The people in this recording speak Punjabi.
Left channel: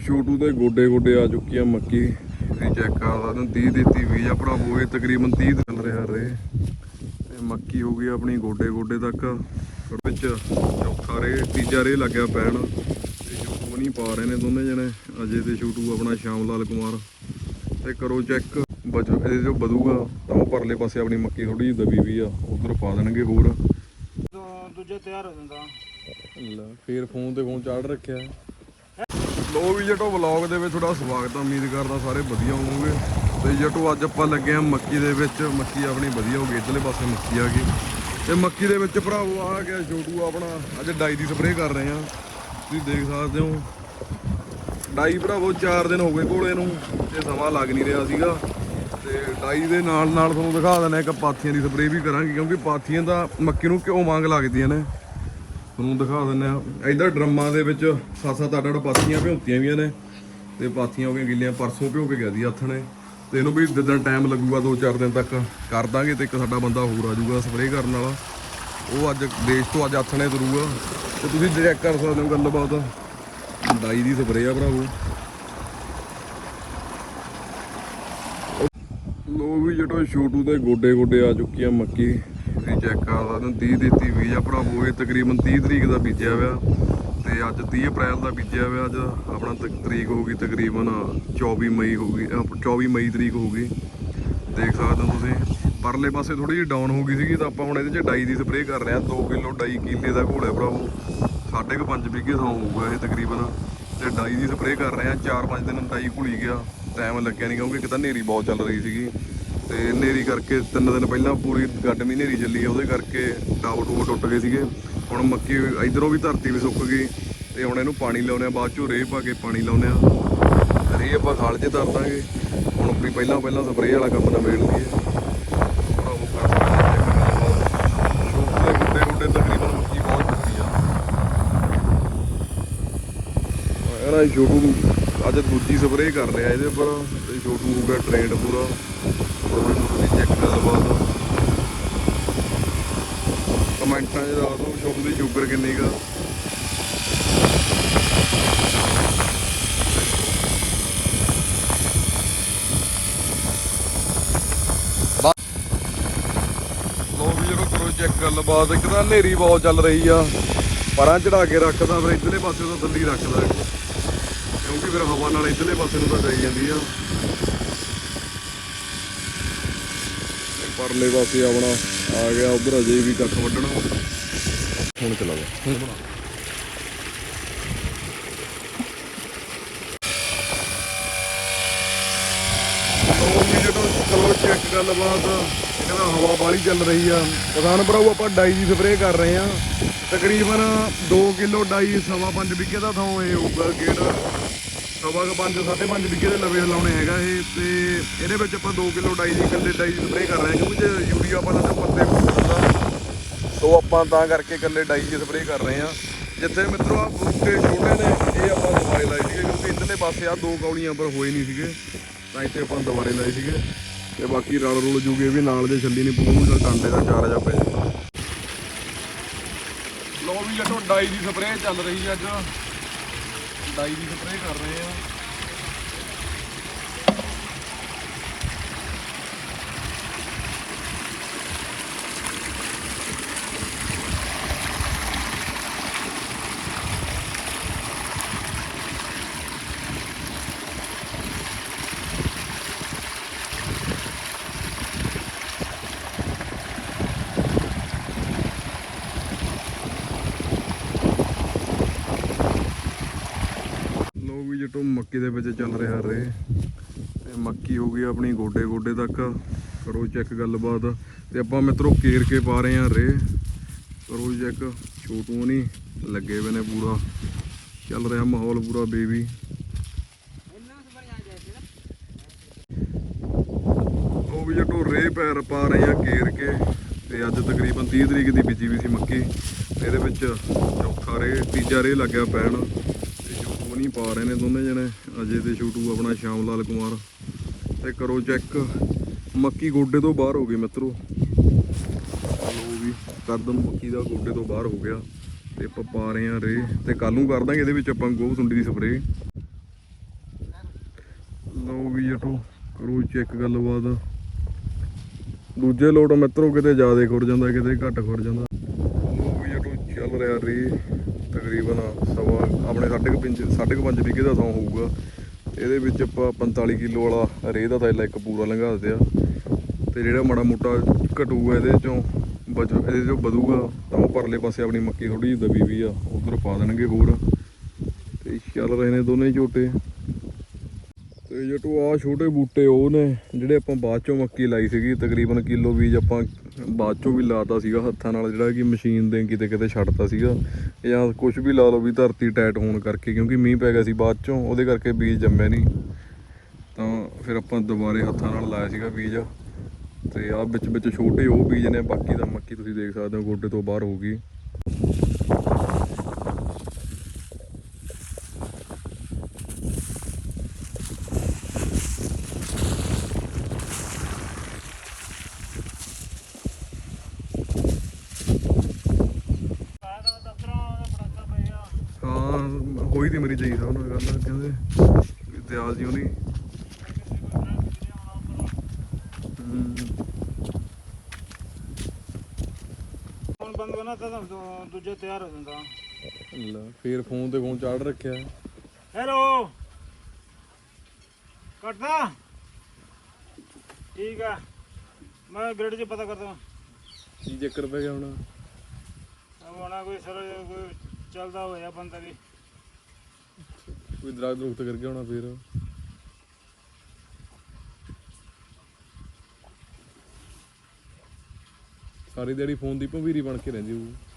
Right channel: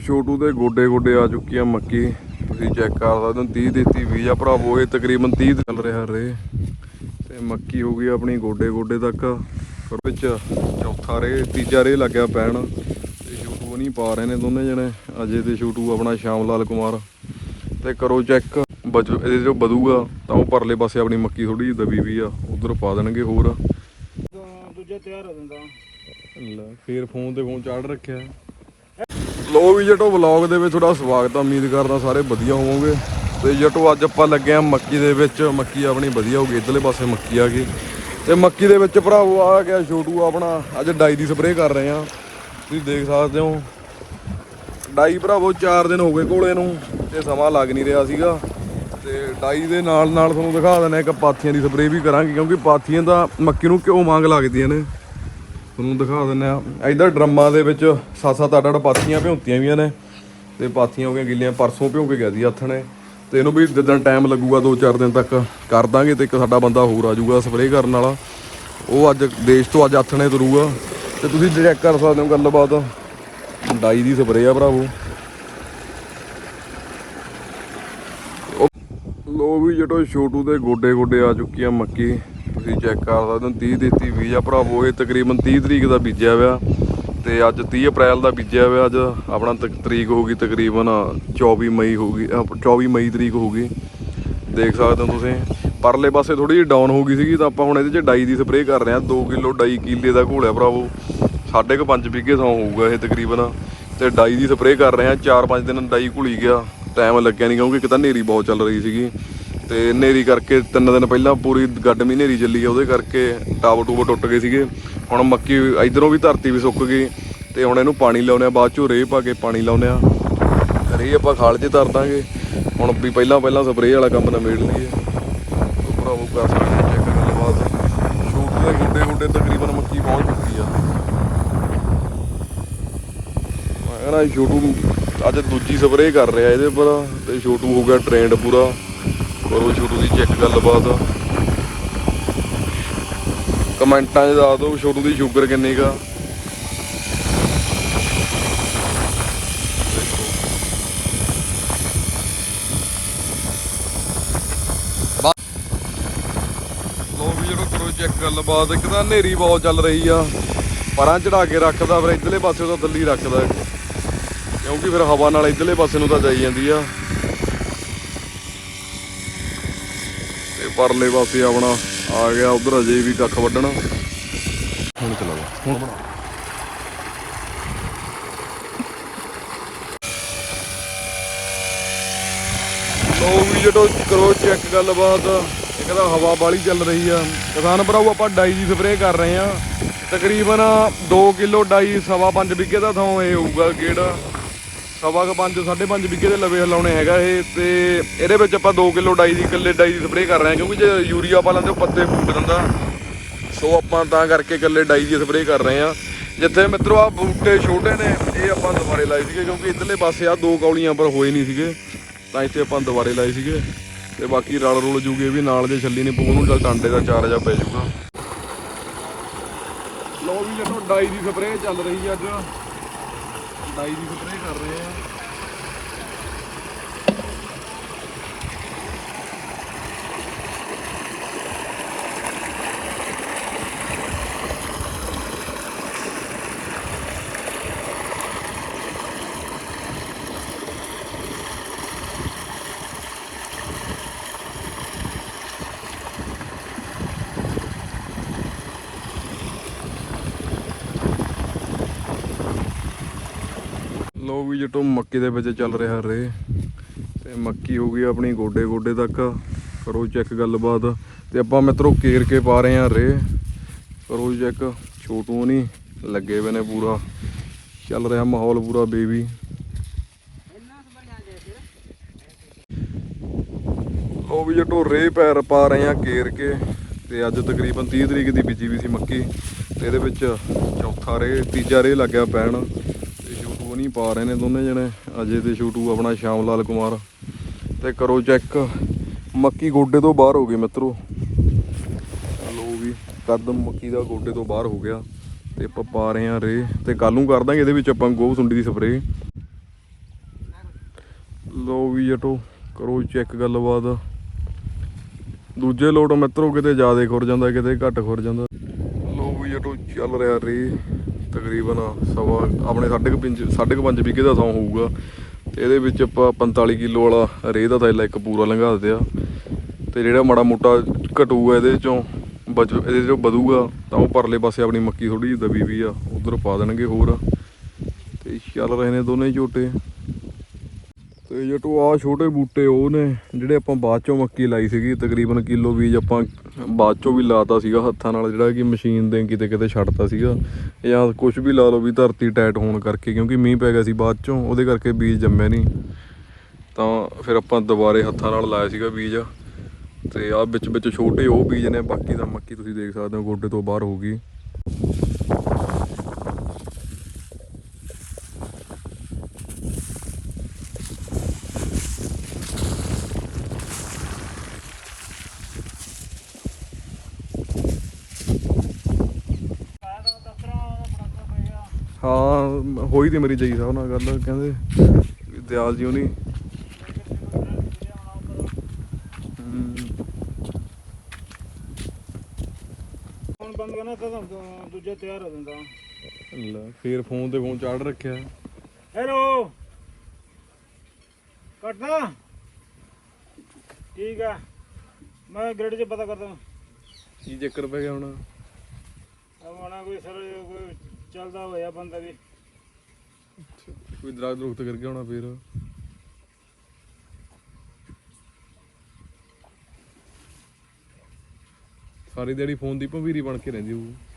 ਛੋਟੂ ਦੇ ਗੋਡੇ ਗੋਡੇ ਆ ਚੁੱਕੀਆਂ ਮੱਕੀ। ਤੁਸੀਂ ਚੈੱਕ ਕਰ ਸਕਦੇ ਹੋ 30 ਦਿੱਤੀ 20 ਆ ਭਰਾਵੋ ਇਹ ਤਕਰੀਬਨ 30 ਚੱਲ ਰਿਹਾ ਰੇ ਤੇ ਮੱਕੀ ਹੋ ਗਈ ਆਪਣੀ ਗੋਡੇ ਗੋਡੇ ਤੱਕ। ਵਿੱਚ ਚੌਥਾ ਰੇ ਤੀਜਾ ਰੇ ਲੱਗਿਆ ਪੈਣ। ਤੇ ਛੋਟੂ ਨਹੀਂ ਪਾ ਰਹੇ ਨੇ ਦੋਨੇ ਜਣੇ। ਅਜੇ ਤੇ ਛੋਟੂ ਆਪਣਾ ਸ਼ਾਮ ਲਾਲ ਕੁਮਾਰ। ਤੇ ਕਰੋ ਚੈੱਕ ਬਜੂ ਇਹਦੇ ਜੋ ਵਧੂਗਾ ਤਾਂ ਉਹ ਪਰਲੇ ਪਾਸੇ ਆਪਣੀ ਮੱਕੀ ਥੋੜੀ ਜਿਹੀ ਦਬੀ ਵੀ ਆ। ਉਧਰ ਪਾ ਦੇਣਗੇ ਹੋਰ। ਦੂਜਾ ਤਿਆਰ ਹੋ ਜਾਂਦਾ। ਲੈ ਫੇਰ ਫੋਨ ਤੇ ਫੋਨ ਚਾੜ ਰੱਖਿਆ। ਲੋ ਵੀ ਜਟੋ ਵਲੌਗ ਦੇ ਵਿੱਚ ਤੁਹਾਡਾ ਸਵਾਗਤ ਆ। ਉਮੀਦ ਕਰਦਾ ਸਾਰੇ ਵਧੀਆ ਹੋਵੋਗੇ। ਤੇ ਜਟੋ, ਅੱਜ ਆਪਾਂ ਲੱਗੇ ਆ ਮੱਕੀ ਦੇ ਵਿੱਚ। ਮੱਕੀ ਆਪਣੀ ਵਧੀਆ ਹੋ ਗਈ, ਇਧਰਲੇ ਪਾਸੇ ਮੱਕੀ ਆ ਗਈ। ਤੇ ਮੱਕੀ ਦੇ ਵਿੱਚ ਭਰਾਵੋ, ਆ ਗਿਆ ਛੋਟੂ ਆਪਣਾ। ਅੱਜ ਡਾਈ ਦੀ ਸਪਰੇਅ ਕਰ ਰਹੇ ਆ। ਤੁਸੀਂ ਦੇਖ ਸਕਦੇ ਹੋ। ਡਾਈ ਭਰਾਵੋ 4 ਦਿਨ ਹੋ ਗਏ ਕੋਲੇ ਨੂੰ, ਤੇ ਸਮਾਂ ਲੱਗ ਨਹੀਂ ਰਿਹਾ ਸੀਗਾ। ਤੇ ਡਾਈ ਦੇ ਨਾਲ ਨਾਲ ਤੁਹਾਨੂੰ ਦਿਖਾ ਦਿੰਦੇ ਇੱਕ ਪਾਥੀਆਂ ਦੀ ਸਪਰੇਅ ਵੀ ਕਰਾਂਗੇ, ਕਿਉਂਕਿ ਪਾਥੀਆਂ ਦਾ ਮੱਕੀ ਨੂੰ ਕਿਉਂ ਮੰਗ ਲੱਗਦੀਆਂ ਨੇ। ਤੁਹਾਨੂੰ ਦਿਖਾ ਦਿੰਦੇ ਆ ਇਧਰ ਡਰਮਾਂ ਦੇ ਵਿੱਚ ਸੱਤ ਸੱਤ ਅੱਠ ਅੱਠ ਪਾਥੀਆਂ ਭਿਉਂਤੀਆਂ ਵੀਆਂ ਨੇ ਤੇ ਪਾਥੀਆਂ ਹੋ ਗਈਆਂ ਗਿੱਲੀਆਂ, ਪਰਸੋਂ ਭਿਉਂ ਕੇ ਗਿਆ ਸੀ ਹੱਥ ਨੇ। ਤੇ ਇਹਨੂੰ ਵੀ ਜਿੱਦਾਂ ਟਾਈਮ ਲੱਗੂਗਾ 2-4 ਦਿਨ ਤੱਕ ਕਰ ਦਾਂਗੇ ਤੇ ਇੱਕ ਸਾਡਾ ਬੰਦਾ ਹੋਰ ਆ ਜਾਊਗਾ ਸਪਰੇਅ ਕਰਨ ਵਾਲਾ। ਉਹ ਅੱਜ ਦੇਸ਼ ਤੋਂ ਅੱਜ ਹੱਥ ਨੇ ਤੁਰੂਗਾ। ਤੇ ਤੁਸੀਂ ਚੈੱਕ ਕਰ ਸਕਦੇ ਹੋ ਗੱਲਬਾਤ। ਡਾਈ ਦੀ ਸਪਰੇਅ ਆ ਭਰਾਵੋ। ਲੋ ਵੀ ਜਟੋ ਛੋਟੂ ਦੇ ਗੋਡੇ ਗੋਡੇ ਆ ਚੁੱਕੀਆਂ ਮੱਕੀ। ਤੁਸੀਂ ਚੈੱਕ ਕਰ ਸਕਦੇ ਹੋ 30 ਦਿੱਤੀ 20 ਆ ਭਰਾਵੋ, ਇਹ ਤਕਰੀਬਨ 30 ਤਰੀਕ ਦਾ ਬੀਜਿਆ ਹੋਇਆ। ਤੇ ਅੱਜ 30 ਅਪ੍ਰੈਲ ਦਾ ਬੀਜਿਆ ਹੋਇਆ, ਅੱਜ ਆਪਣਾ ਤਕ- ਤਰੀਕ ਹੋ ਗਈ ਤਕਰੀਬਨ 24 ਮਈ ਹੋ ਗਈ, ਅਹ 24 ਮਈ ਤਰੀਕ ਹੋ ਗਈ। ਦੇਖ ਸਕਦੇ ਹੋ ਤੁਸੀਂ, ਪਰਲੇ ਪਾਸੇ ਥੋੜੀ ਜਿਹੀ ਡਾਊਨ ਹੋ ਗਈ ਸੀਗੀ, ਤਾਂ ਆਪਾਂ ਹੁਣ ਇਹਦੇ 'ਚ ਡਾਈ ਦੀ ਸਪਰੇਅ ਕਰ ਰਹੇ ਹਾਂ 2 ਕਿਲੋ ਡਾਈ ਕੀਲੇ ਦਾ ਘੋਲਿਆ ਭਰਾਵੋ। ਸਾਢੇ ਕੁ 5 ਵਿਗੇ ਥਾਂ ਹੋਊਗਾ ਇਹ ਤਕਰੀਬਨ। ਤੇ ਡਾਈ ਦੀ ਸਪਰੇਅ ਕਰ ਰਹੇ ਹਾਂ 4-5 ਦਿਨ ਡਾਈ ਘੁਲੀ ਗਿਆ ਟਾਈਮ ਲੱਗਿਆ ਨਹੀਂ ਕਿਉਂਕਿ ਇੱਕ ਤਾਂ ਹਨੇਰੀ ਬਹੁਤ ਚੱਲ ਰਹੀ ਸੀਗੀ। ਤੇ ਹਨੇਰੀ ਕਰਕੇ ਤਿੰਨ ਦਿਨ ਪਹਿਲਾਂ ਪੂਰੀ ਗੱਡਮੀ ਹਨੇਰੀ ਚੱਲੀ ਆ, ਉਹਦੇ ਕਰਕੇ ਟਾਵਰ ਟੂਬ ਟੁੱਟ ਗਏ ਸੀਗੇ। ਹੁਣ ਮੱਕੀ ਇਧਰੋਂ ਵੀ ਧਰਤੀ ਵੀ ਸੁੱਕ ਗਈ ਤੇ ਹੁਣ ਇਹਨੂੰ ਪਾਣੀ ਲਾਉਨੇ ਆ, ਬਾਅਦ ਚੋਂ ਰੇਹ ਪਾ ਕੇ ਪਾਣੀ ਲਾਉਨੇ ਆ। ਤੇ ਰੇਹ ਆਪਾਂ ਖਾਲ 'ਚ ਧਰ ਦਾਂਗੇ। ਹੁਣ ਵੀ ਪਹਿਲਾਂ ਪਹਿਲਾਂ ਸਪਰੇਅ ਵਾਲਾ ਕੰਮ ਨਾ ਮੇੜ ਲਈਏ। ਭਰਾਵੋ, ਕਰ ਸਕਦੇ ਚੈੱਕ ਗੱਲਬਾਤ। ਸ਼ੂਟ ਦੇ ਗੁੱਡੇ ਗੁੱਡੇ ਤਕਰੀਬਨ ਮੱਕੀ ਪਹੁੰਚ ਚੁੱਕੀ ਆ। ਇਹਦਾ ਛੋਟੂ ਅੱਜ ਦੂਜੀ ਸਪਰੇਅ ਕਰ ਰਿਹਾ ਇਹਦੇ ਪਰ ਤੇ ਛੋਟੂ ਹੋ ਗਿਆ ਟ੍ਰੈਂਡ ਪੂਰਾ। ਕਰੋ ਸ਼ੁਰੂ ਦੀ ਚੈੱਕ ਗੱਲਬਾਤ। ਕਮੈਂਟਾਂ 'ਚ ਦੱਸ ਦਿਓ ਸ਼ੁਰੂ ਦੀ ਸ਼ੂਗਰ ਕਿੰਨੀ ਗਾ ਜਦੋਂ ਕਰੋ ਚੈੱਕ ਗੱਲਬਾਤ, ਇੱਕ ਤਾਂ ਹਨੇਰੀ ਬਹੁਤ ਚੱਲ ਰਹੀ ਆ। ਪਰਾਂ ਚੜਾ ਕੇ ਰੱਖਦਾ, ਫਿਰ ਇਧਰਲੇ ਪਾਸੇ ਤੋਂ ਦਿੱਲੀ ਰੱਖਦਾ। ਕਿਉਂਕਿ ਫਿਰ ਹਵਾ ਨਾਲ ਇਧਰਲੇ ਪਾਸੇ ਨੂੰ ਤਾਂ ਜਾਈ ਜਾਂਦੀ ਆ। ਪਰਲੇ ਪਾਸੇ ਆਪਣਾ ਆ ਗਿਆ, ਉਧਰ ਅਜੇ ਵੀ ਕੱਖ ਵੱਢਣਾ। ਹੁਣ ਚਲੋ ਹੁਣ ਬਣਾ ਉਹ ਵੀ ਜਦੋਂ ਕਰੋ ਚੈੱਕ ਗੱਲਬਾਤ ਇੱਕ ਹਵਾ ਬਾਲੀ ਚੱਲ ਰਹੀ ਆ। ਕਿਸਾਨ ਭਰਾਓ, ਆਪਾਂ ਡਾਈ ਦੀ ਸਪਰੇਅ ਕਰ ਰਹੇ ਆ। ਤਕਰੀਬਨ 2 ਕਿਲੋ ਡਾਈ ਸਵਾ 5 ਵਿਗੇ ਦਾ ਥਾਂ ਇਹ ਹੋਊਗਾ ਗੇੜ। ਸਵਾ ਕੁ 5 5.5 ਵਿਗੇ ਦੇ ਲਵੇ ਹਲਾਉਣੇ ਹੈਗਾ ਇਹ ਤੇ ਇਹਦੇ ਵਿੱਚ ਆਪਾਂ 2 ਕਿਲੋ ਡਾਈ ਦੀ, ਇਕੱਲੇ ਡਾਈ ਦੀ ਸਪਰੇਅ ਕਰ ਰਹੇ ਹਾਂ, ਕਿਉਂਕਿ ਜੇ ਯੂਰੀਆ ਪਾ ਲੈਂਦੇ ਉਹ ਪੱਤੇ ਫੁੱਟ ਦਿੰਦਾ। ਸੋ ਆਪਾਂ ਤਾਂ ਕਰਕੇ ਇਕੱਲੇ ਡਾਈ ਦੀ ਸਪਰੇਅ ਕਰ ਰਹੇ ਹਾਂ। ਜਿੱਥੇ ਮਿੱਤਰੋ ਆ ਬੂਟੇ ਛੋਟੇ ਨੇ, ਇਹ ਆਪਾਂ ਦੁਬਾਰੇ ਲਾਏ ਸੀਗੇ, ਕਿਉਂਕਿ ਇਧਰਲੇ ਪਾਸੇ ਆ ਦੋ ਕੌਲੀਆਂ ਪਰ ਹੋਏ ਨਹੀਂ ਸੀਗੇ। ਤਾਂ ਇੱਥੇ ਆਪਾਂ ਦੁਬਾਰੇ ਲਾਏ ਸੀਗੇ। ਤੇ ਬਾਕੀ ਰਲ ਰੁਲ ਜੂਗੇ ਵੀ ਨਾਲ ਜੇ ਛੱਲੀ ਨਹੀਂ ਪਊ ਨੂੰ ਚੱਲ ਟਾਂਡੇ ਦਾ ਚਾਰ ਜਾ ਪੈ ਜਾਊਗਾ ਲੋ ਵੀ ਜਦੋਂ ਡਾਈ ਦੀ ਸਪਰੇਅ ਚੱਲ ਰਹੀ ਹੈ ਅੱਜ। ਡਾਈ ਦੀ ਸਪਰੇਅ ਕਰ ਰਹੇ ਆ। ਲੋ ਵੀ ਜਟੋ, ਮੱਕੀ ਦੇ ਵਿੱਚ ਚੱਲ ਰਿਹਾ ਰੇ। ਤੇ ਮੱਕੀ ਹੋ ਗਈ ਆਪਣੀ ਗੋਡੇ ਗੋਡੇ ਤੱਕ। ਕਰੋ ਚੈੱਕ ਗੱਲਬਾਤ। ਤੇ ਆਪਾਂ ਮਿੱਤਰੋ ਕੇਰ ਕੇ ਪਾ ਰਹੇ ਆ ਰੇ। ਕਰੋ ਚੈੱਕ ਛੋਟੂ ਨਹੀਂ ਲੱਗੇ ਹੋਏ ਨੇ ਪੂਰਾ। ਚੱਲ ਰਿਹਾ ਮਾਹੌਲ ਪੂਰਾ ਬੇਬੀ। ਉਹ ਵੀ ਜਟੋ, ਰੇ ਪੈਰ ਪਾ ਰਹੇ ਆ ਕੇਰ ਕੇ। ਤੇ ਅੱਜ ਤਕਰੀਬਨ 30 ਤਰੀਕ ਦੀ ਬੀਜੀ ਵੀ ਸੀ ਮੱਕੀ। ਇਹਦੇ ਵਿੱਚ ਚੌਥਾ ਰੇ, ਤੀਜਾ ਰੇ ਲੱਗਿਆ ਪੈਣ। ਤੇ ਪਾ ਰਹੇ ਨੇ ਦੋਨੇ ਜਣੇ। ਅਜੇ ਤੇ ਛੋਟੂ ਆਪਣਾ ਸ਼ਾਮ ਲਾਲ ਕੁਮਾਰ। ਤੇ ਕਰੋ ਚੈੱਕ ਮੱਕੀ ਗੋਡੇ ਤੋਂ ਬਾਹਰ ਹੋ ਗਈ ਮਿੱਤਰੋ। ਲੋ ਵੀ ਕਦਮ ਮੱਕੀ ਦਾ ਗੋਡੇ ਤੋਂ ਬਾਹਰ ਹੋ ਗਿਆ। ਤੇ ਆਪਾਂ ਪਾ ਰਹੇ ਆ ਰੇ। ਤੇ ਕੱਲ ਨੂੰ ਕਰ ਦਾਂਗੇ ਇਹਦੇ ਵਿੱਚ ਆਪਾਂ ਗੋਹ ਸੁੰਡੀ ਦੀ ਸਪਰੇਅ। ਲੋ ਵੀ ਜਟੋ, ਕਰੋ ਚੈੱਕ ਗੱਲਬਾਤ। ਦੂਜੇ ਲੋਟ ਮਿੱਤਰੋ, ਕਿਤੇ ਜ਼ਿਆਦਾ ਖੁਰ ਜਾਂਦਾ, ਕਿਤੇ ਘੱਟ ਖੁਰ ਜਾਂਦਾ। ਲੋ ਵੀ ਜਟੋ, ਚੱਲ ਰਿਹਾ ਰੇ। ਤਕਰੀਬਨ ਸਵਾ ਆਪਣੇ 5.5 5.5 ਵਿਗੇ ਦਾ ਸੌ ਹੋਊਗਾ। ਤੇ ਇਹਦੇ ਵਿੱਚ ਆਪਾਂ 45 ਕਿਲੋ ਵਾਲਾ ਰੇਹ ਦਾ ਥੈਲਾ ਇੱਕ ਪੂਰਾ ਲੰਘਾ ਦਿਆ ਤੇ ਜਿਹੜਾ ਮਾੜਾ ਮੋਟਾ ਘਟੂਗਾ ਇਹਦੇ ਚੋਂ, ਬਚ ਇਹਦੇ ਚੋਂ ਵਧੂਗਾ, ਤਾਂ ਉਹ ਪਰਲੇ ਪਾਸੇ ਆਪਣੀ ਮੱਕੀ ਥੋੜੀ ਜਿਹੀ ਦਬੀ ਵੀ ਆ, ਉਧਰ ਪਾ ਦੇਣਗੇ ਹੋਰ। ਤੇ ਚੱਲ ਰਹੇ ਨੇ ਦੋਨੇ ਝੋਟੇ। ਤੇ ਜਟੂ ਆ ਛੋਟੇ ਬੂਟੇ ਉਹ ਨੇ, ਜਿਹੜੇ ਆਪਾਂ ਬਾਅਦ ਚੋਂ ਮੱਕੀ ਲਾਈ ਸੀਗੀ, ਤਕਰੀਬਨ ਕਿਲੋ ਬੀਜ ਆਪਾਂ ਬਾਅਦ ਚੋਂ ਵੀ ਲਾਤਾ ਸੀਗਾ ਹੱਥਾਂ ਨਾਲ, ਜਿਹੜਾ ਕਿ ਮਸ਼ੀਨ ਦੇ ਕਿਤੇ ਕਿਤੇ ਛੱਡਤਾ ਸੀਗਾ। ਜਾਂ ਕੁਝ ਵੀ ਲਾ ਲਓ ਵੀ ਧਰਤੀ ਟਾਈਟ ਹੋਣ ਕਰਕੇ, ਕਿਉਂਕਿ ਮੀਂਹ ਪੈ ਗਿਆ ਸੀ ਬਾਅਦ ਚੋਂ, ਉਹਦੇ ਕਰਕੇ ਬੀਜ ਜੰਮਿਆ ਨਹੀਂ। ਤਾਂ ਫਿਰ ਆਪਾਂ ਦੁਬਾਰੇ ਹੱਥਾਂ ਨਾਲ ਲਾਇਆ ਸੀਗਾ ਬੀਜ। ਤੇ ਆ ਵਿੱਚ ਵਿੱਚ ਛੋਟੇ ਉਹ ਬੀਜ ਨੇ, ਬਾਕੀ ਤਾਂ ਮੱਕੀ ਤੁਸੀਂ ਦੇਖ ਸਕਦੇ ਹੋ, ਗੋਡੇ ਤੋਂ ਬਾਹਰ ਹੋ ਗਈ ਆਹ ਦਫਤਰਾਂ ਦਾ ਪੜਾਕਾ ਪੈ ਗਿਆ ਹਾਂ ਹੋਈ ਤੇ ਮੇਰੀ ਜਈ ਸਾਹਿਬ ਨਾਲ ਗੱਲ ਕਹਿੰਦੇ ਦਿਆਲ ਜੀ ਉਹਨੀ ਹਮ, ਫੋਨ ਬੰਦ ਕਰਨਾ ਤਾਂ ਦੂ- ਦੂਜਾ ਤਿਆਰ ਹੋ ਜਾਂਦਾ। ਲੈ ਫੇਰ ਫੋਨ ਤੇ ਫੋਨ ਚਾੜ ਰੱਖਿਆ। ਹੈਲੋ ਕੱਟਦਾ? ਠੀਕ ਆ। ਮੈਂ ਗ੍ਰਿਡ 'ਚ ਪਤਾ ਕਰਦਾ। ਕੀ ਚੱਕਰ ਪੈ ਗਿਆ ਹੁਣ? ਆ ਮਣਾ ਕੋਈ ਸਰ ਕੋਈ ਚੱਲਦਾ ਹੋਇਆ ਬੰਦਾ ਵੀ। ਕੋਈ ਦਰਖਤ ਦਰੁਖਤ ਕਰਕੇ ਗਿਆ ਹੋਣਾ ਫੇਰ। ਸਾਰੀ ਦਿਹਾੜੀ ਫੋਨ ਦੀ ਭੰਵੀਰੀ ਬਣ ਕੇ ਰਹਿੰਦੀ ਹੋਊ